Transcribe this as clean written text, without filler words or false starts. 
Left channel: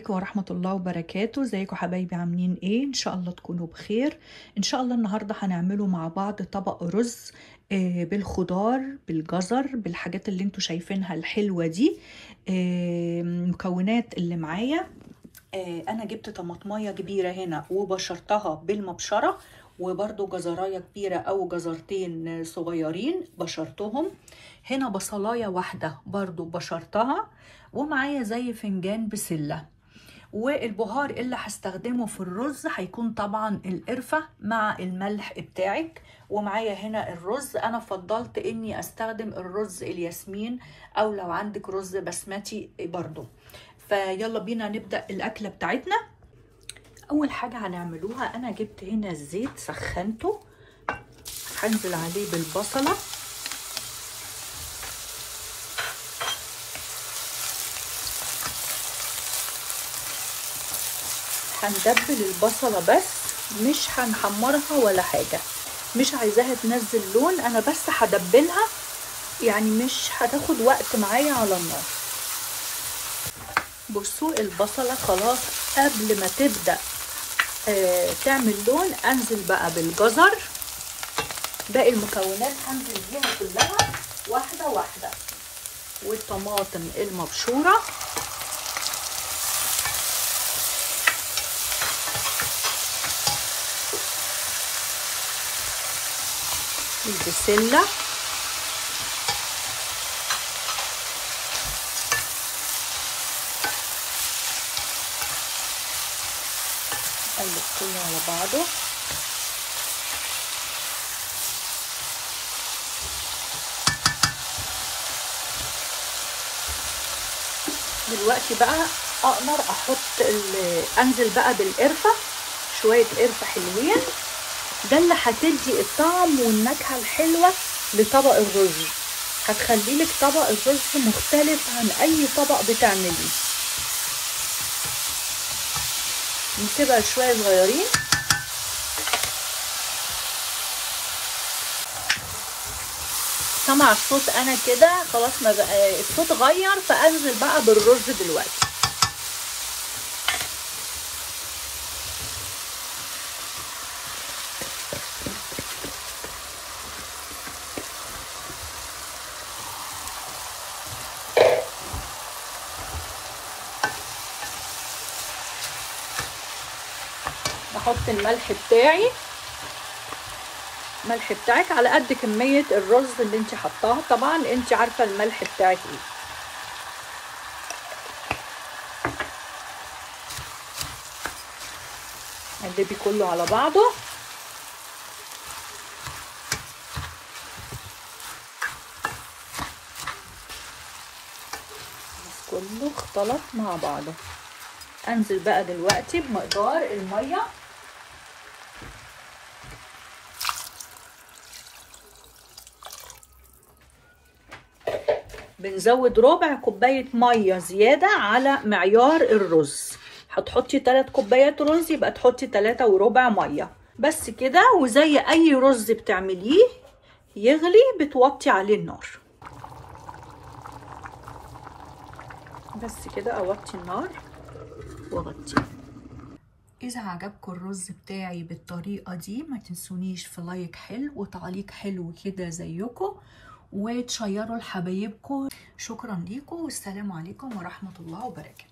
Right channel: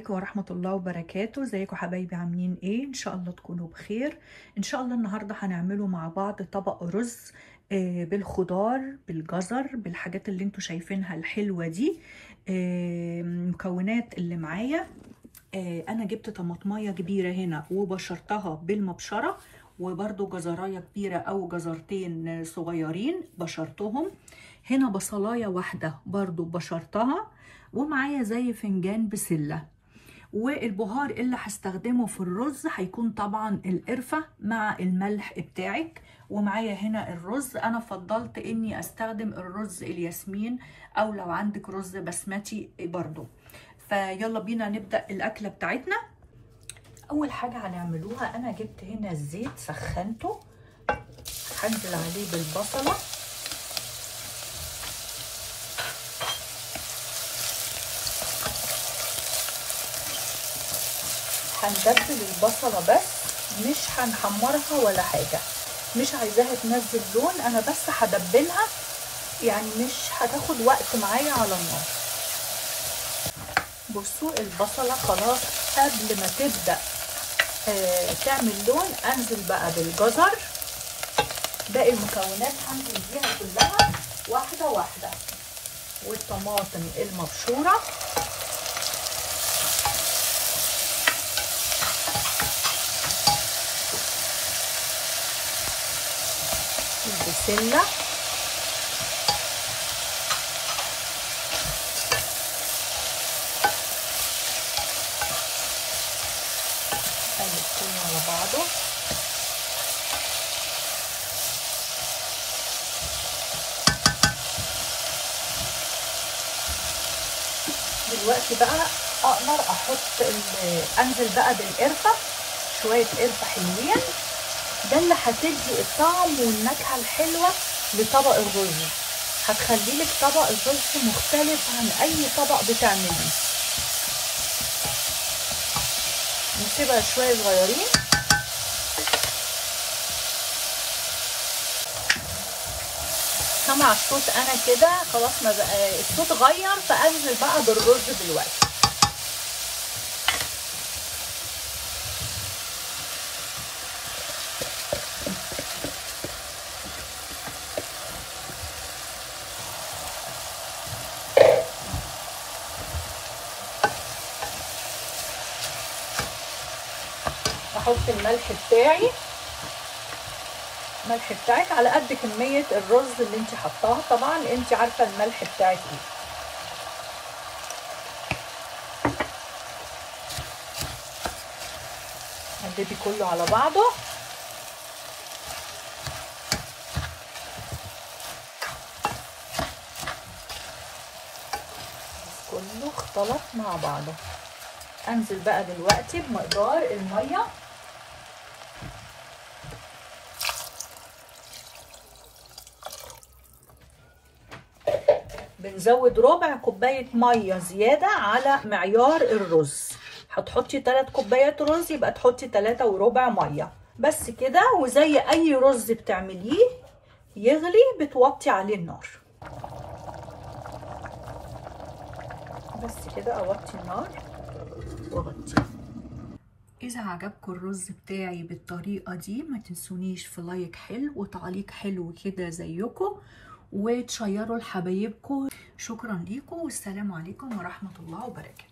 عليكم ورحمة الله وبركاته. ازيكم حبايبي، عاملين ايه؟ ان شاء الله تكونوا بخير. ان شاء الله النهاردة هنعمله مع بعض طبق رز بالخضار، بالجزر، بالحاجات اللي انتوا شايفينها الحلوة دي. المكونات اللي معايا، انا جبت طماطمية كبيرة هنا وبشرتها بالمبشرة، وبرده جزراية كبيرة او جزرتين صغيرين بشرتهم. هنا بصلاية واحدة برضو بشرتها، ومعايا زي فنجان بسلة. والبهار اللي هستخدمه في الرز هيكون طبعا القرفة مع الملح بتاعك. ومعايا هنا الرز، انا فضلت اني استخدم الرز الياسمين، او لو عندك رز بسمتي برضو. فيلا بينا نبدأ الاكلة بتاعتنا. اول حاجة هنعملوها، انا جبت هنا الزيت سخنته، هنزل عليه بالبصلة. هندبل البصلة بس، مش هنحمرها ولا حاجة، مش عايزاها تنزل لون، انا بس هدبلها، يعني مش هتاخد وقت معايا على النار. بصوا البصلة خلاص قبل ما تبدأ تعمل لون، انزل بقى بالجزر. باقي المكونات هنزل بيها كلها واحدة واحدة، والطماطم المبشورة، البسلة، هنقلبهم مع بعضه. دلوقتي بقى اقدر احط انزل بقى بالقرفة، شوية قرفة حلوين، ده اللي هتدي الطعم والنكهة الحلوة لطبق الرز، هتخليلك طبق الرز مختلف عن اي طبق بتعمليه. نسيبها شوية صغيرين. سمع الصوت انا كده خلاص، ما بقى الصوت غير، فانزل بقى بالرز دلوقتي. احط الملح بتاعي، الملح بتاعك على قد كمية الرز اللي انت حطاها، طبعا انت عارفة الملح بتاعك ايه. قلبي كله على بعضه. كله اختلط مع بعضه. انزل بقى دلوقتي بمقدار المية. بنزود ربع كوباية مية زيادة على معيار الرز. هتحطي 3 كوبايات رز، يبقى تحطي 3 وربع مية بس كده. وزي اي رز بتعمليه يغلي بتوطي عليه النار بس كده. اوطي النار واغطي. اذا عجبكم الرز بتاعي بالطريقة دي، ما تنسونيش في لايك حلو وتعليق حلو كده زيكم، وتشيروا لحبايبكم. شكرا ليكم، والسلام عليكم ورحمة الله وبركاته.